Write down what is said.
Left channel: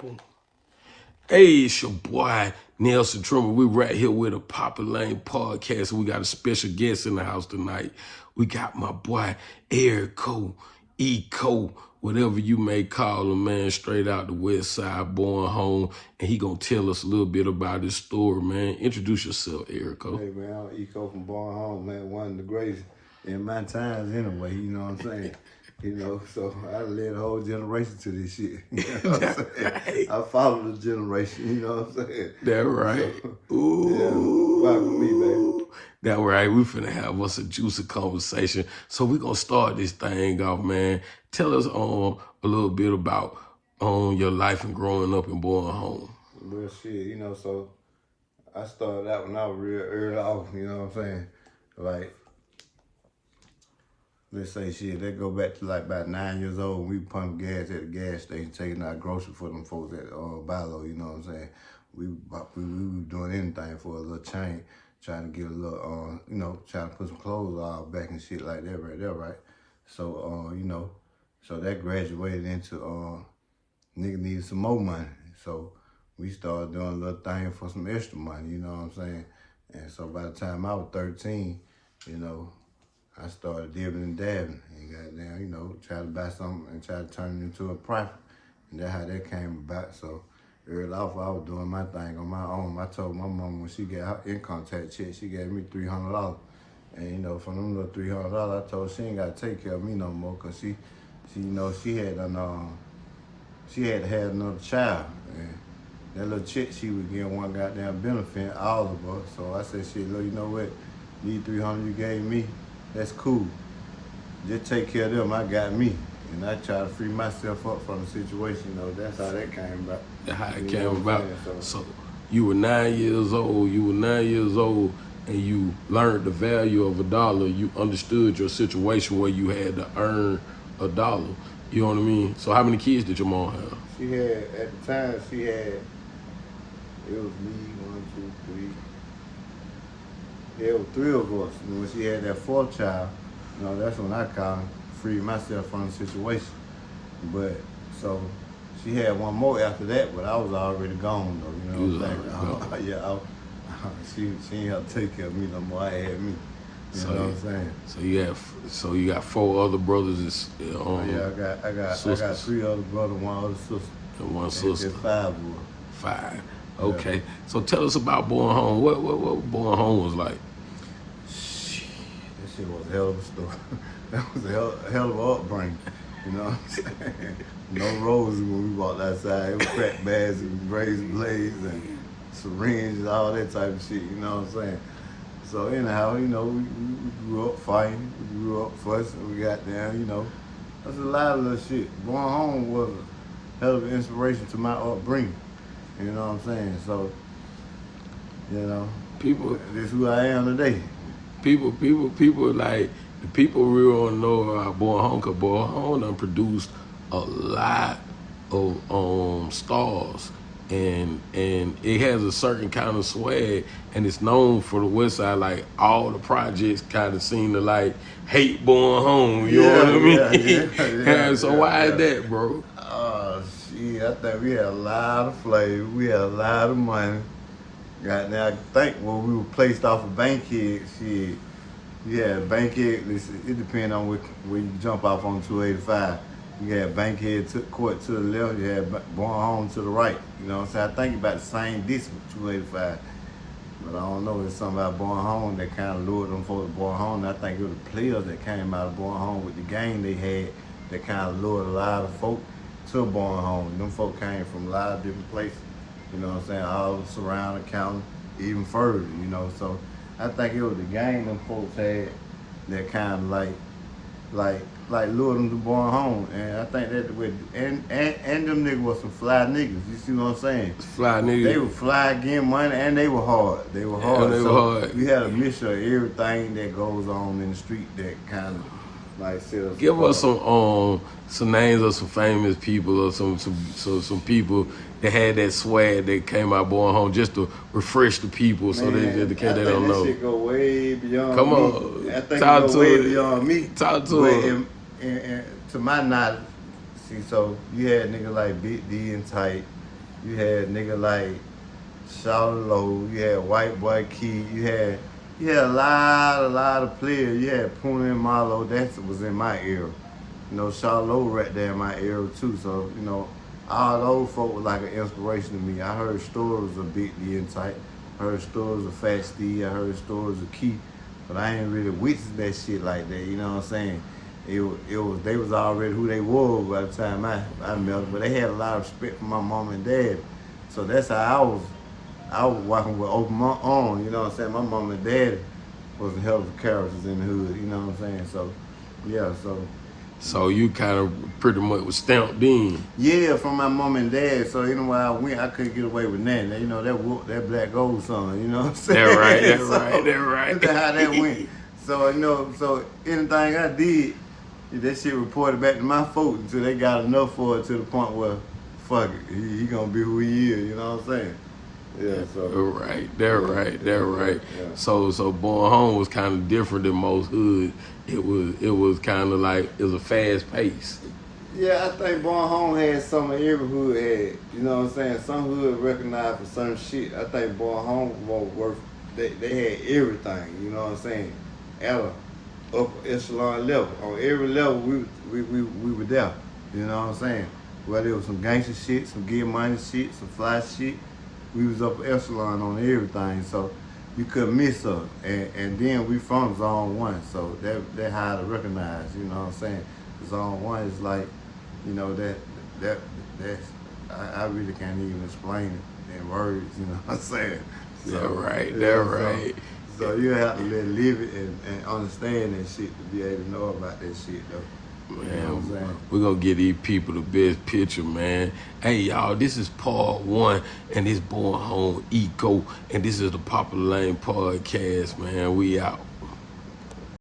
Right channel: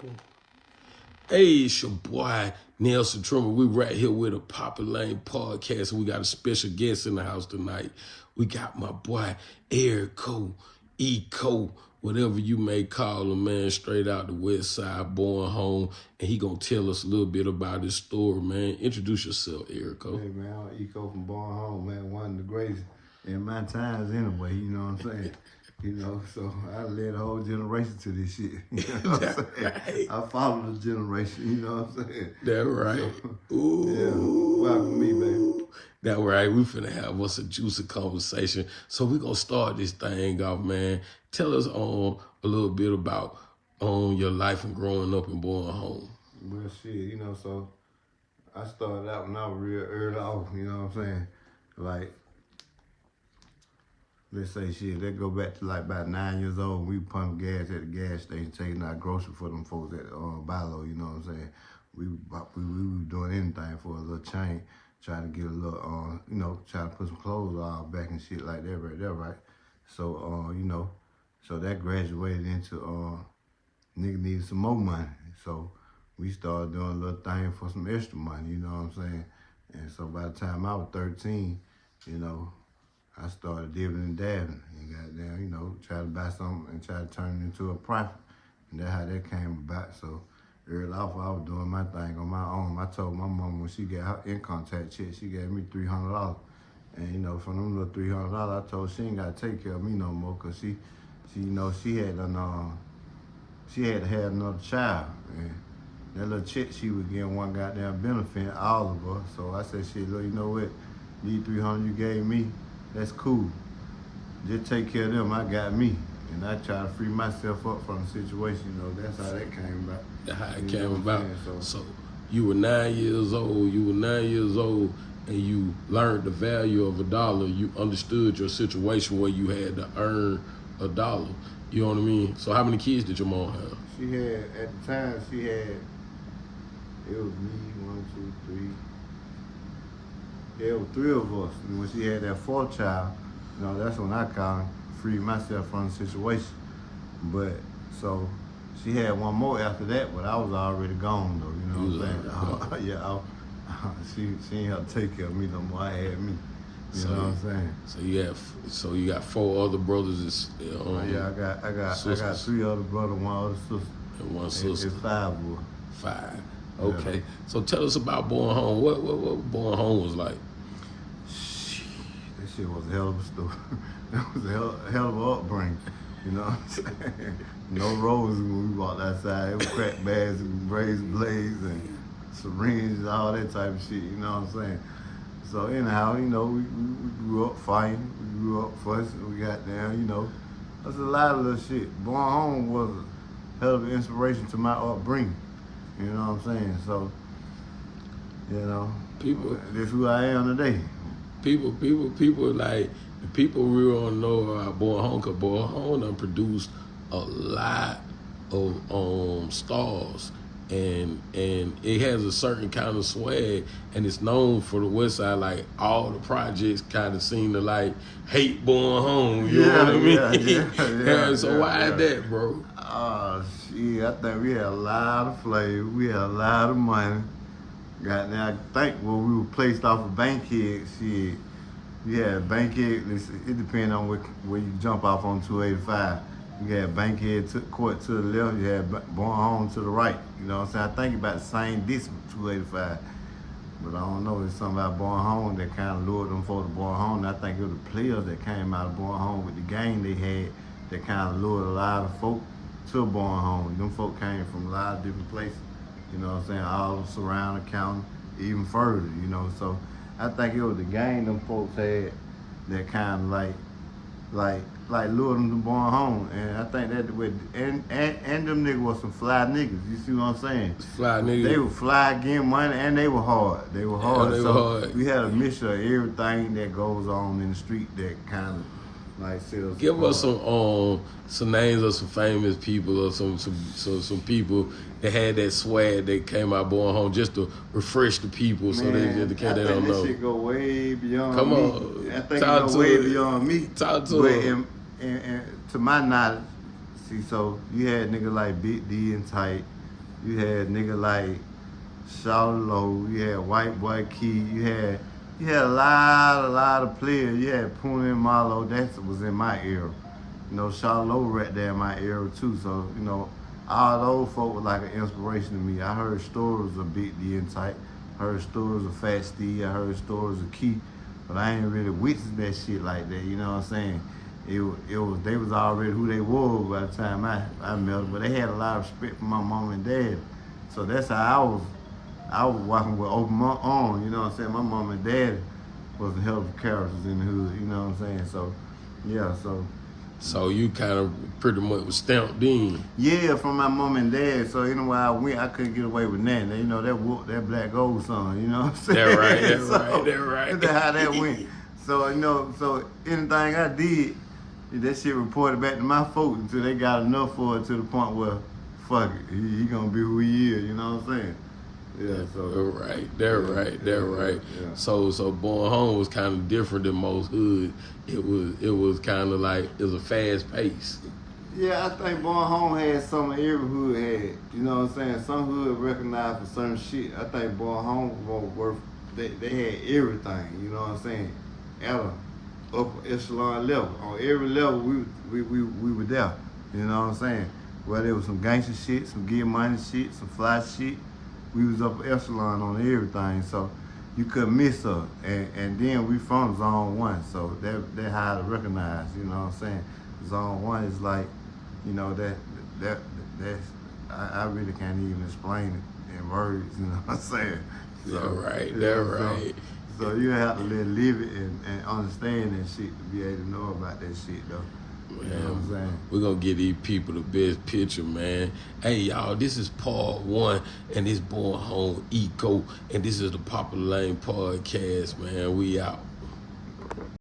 Boom. Hey, it's your boy, Nelson Trimmer. We right here with a Papa Lane podcast. We got a special guest in the house tonight. We got my boy, Erico, Eco, whatever you may call him, man, straight out the west side, born home. And he gonna tell us a little bit about his story, man. Introduce yourself, Erico. Hey, man, I'm Eco from Bowen home, man. One of the greatest in my times anyway, you know what I'm saying? You know, so I led a whole generation to this shit. You know what I'm saying? I followed the generation, you know what I'm saying? That right. So, Ooh. Yeah, welcome me, baby. That right. We finna have us a juicy conversation. So we gonna start this thing off, man. Tell us a little bit about your life and growing up in Bowen home. Well, shit, you know, so I started out when I was real early off, you know what I'm saying? Like, let's say shit, that go back to like about 9 years old. We pump gas at the gas station, taking out groceries for them folks at Bilo, you know what I'm saying? We were doing anything for a little change, trying to get a little, you know, trying to put some clothes on back and shit like that right there, right? So, you know, so that graduated into, nigga needed some more money. So we started doing a little thing for some extra money, you know what I'm saying? And so by the time I was 13, you know, I started dibbing and dabbing and goddamn, you know, try to buy something and try to turn it into a profit. And that's how that came about. So early off, I was doing my thing on my own. I told my mom when she got her income tax check, she gave me $300. And, you know, from them little $300, I told her she ain't got to take care of me no more because she, you know, she had to have another child. And that little check she was getting one goddamn benefit, all of us. So I said, shit, look, you know what? These $300 you gave me, that's cool. Just take care of them. I got me. And I try to free myself up from the situation. You know, that's how that came about. That's how it came about. So you were 9 years old. And you learned the value of $1. You understood your situation where you had to earn $1. You know what I mean? So how many kids did your mom have? She had, at the time, it was me, 1, 2, 3. There were 3 of us. And when she had that 4th child, you know, that's when I kind of freed myself from the situation. But, so, she had one more after that, but I was already gone, though, you know what I'm saying? Yeah, she ain't have to take care of me no more. I had me. You know what I'm saying? So you got 4 other brothers. Yeah, I got 3 other brothers, 1 other sister. And 1 sister. It's 5 boys. 5. Okay. Yeah. So tell us about Bowen home. What Bowen home was like? That shit was a hell of a story. That was a hell of an upbringing. You know what I'm saying? No roses when we walked outside. It was crack bags and razor blades and syringes, all that type of shit. You know what I'm saying? So anyhow, you know, we grew up fighting. We grew up fussing. We got down, you know. That's a lot of little shit. Bowen home was a hell of an inspiration to my upbringing. You know what I'm saying? So, you know, this is who I am today. People like, the people really want to know about Bowen home, because Bowen home done produced a lot of stars. And it has a certain kind of swag, and it's known for the west side. Like, all the projects kind of seem to like hate Bowen home. You know what I mean? Yeah. So why is that, bro? Shit, I think we had a lot of flavor. We had a lot of money. Now I think when we were placed off of Bankhead, shit, yeah, Bankhead. It depends on where you jump off on 285. You had Bankhead Court to the left, you had Bowen home to the right. You know what I'm saying? I think about the same distance, 285. But I don't know, it's something about Bowen home that kind of lured them folks to Bowen home. And I think it was the players that came out of Bowen home with the game they had that kind of lured a lot of folk to Bowen home. And them folk came from a lot of different places. You know what I'm saying? All the surrounding county, even further, you know. So I think it was the game them folks had that kind of like lured them to Bowen home. And I think that the way, and them niggas was some fly niggas. You see what I'm saying? Fly niggas. They were fly, getting money, and they were hard. They were hard. We had a mixture of everything that goes on in the street that kind of like sells. Give us some names of some famous people or some people that had that swag that came out Bowen home, just to refresh the people. Man, so they don't know. I think that shit go way beyond Come me. on. I think it go way beyond me. Talk to it. And to my knowledge, see, so you had niggas like Big D and Tight, You had nigga like Low, you had White Boy Key, you had a lot of players. You had Puna and Marlo, that was in my era. You know, Low right there in my era too. So, you know, all those folk were like an inspiration to me. I heard stories of Big D and Tight. I heard stories of Fat Steve. I heard stories of Key. But I ain't really witnessed that shit like that, you know what I'm saying? It was they was already who they were by the time I met them. But they had a lot of respect for my mom and dad. So that's how I was walking with open arms, you know what I'm saying? My mom and dad was a hell of characters in the hood, you know what I'm saying? So, yeah, so. So you kind of pretty much was stamped in. Yeah, from my mom and dad. So anywhere I went, I couldn't get away with nothing. You know, that Black Gold song, you know what I'm saying? That's right. That's how that went. So, you know, so anything I did, that shit reported back to my folks until they got enough for it to the point where, fuck it, he gonna be who he is, you know what I'm saying? Yeah, so. Right. Yeah. So Born Home was kind of different than most hood. It was kind of like, it was a fast pace. Yeah, I think Born Home had some of every hood had. You know what I'm saying? Some hood recognized for certain shit. I think Born Home was worth, they had everything, you know what I'm saying? At a upper echelon level. On every level, we were there. You know what I'm saying? Whether it was some gangster shit, some get money shit, some fly shit, we was up echelon on everything. So you couldn't miss us. And then we from Zone 1, so that how to recognize, you know what I'm saying? Zone 1 is like, you know, that's I really can't even explain it in words, you know what I'm saying? So, right. So you have to live it and understand that shit to be able to know about that shit though. You know what I'm saying? We're going to give these people the best picture, man. Hey, y'all, this is part 1, and this Born Home Eco, and this is the Popular Lane Podcast, man. We out.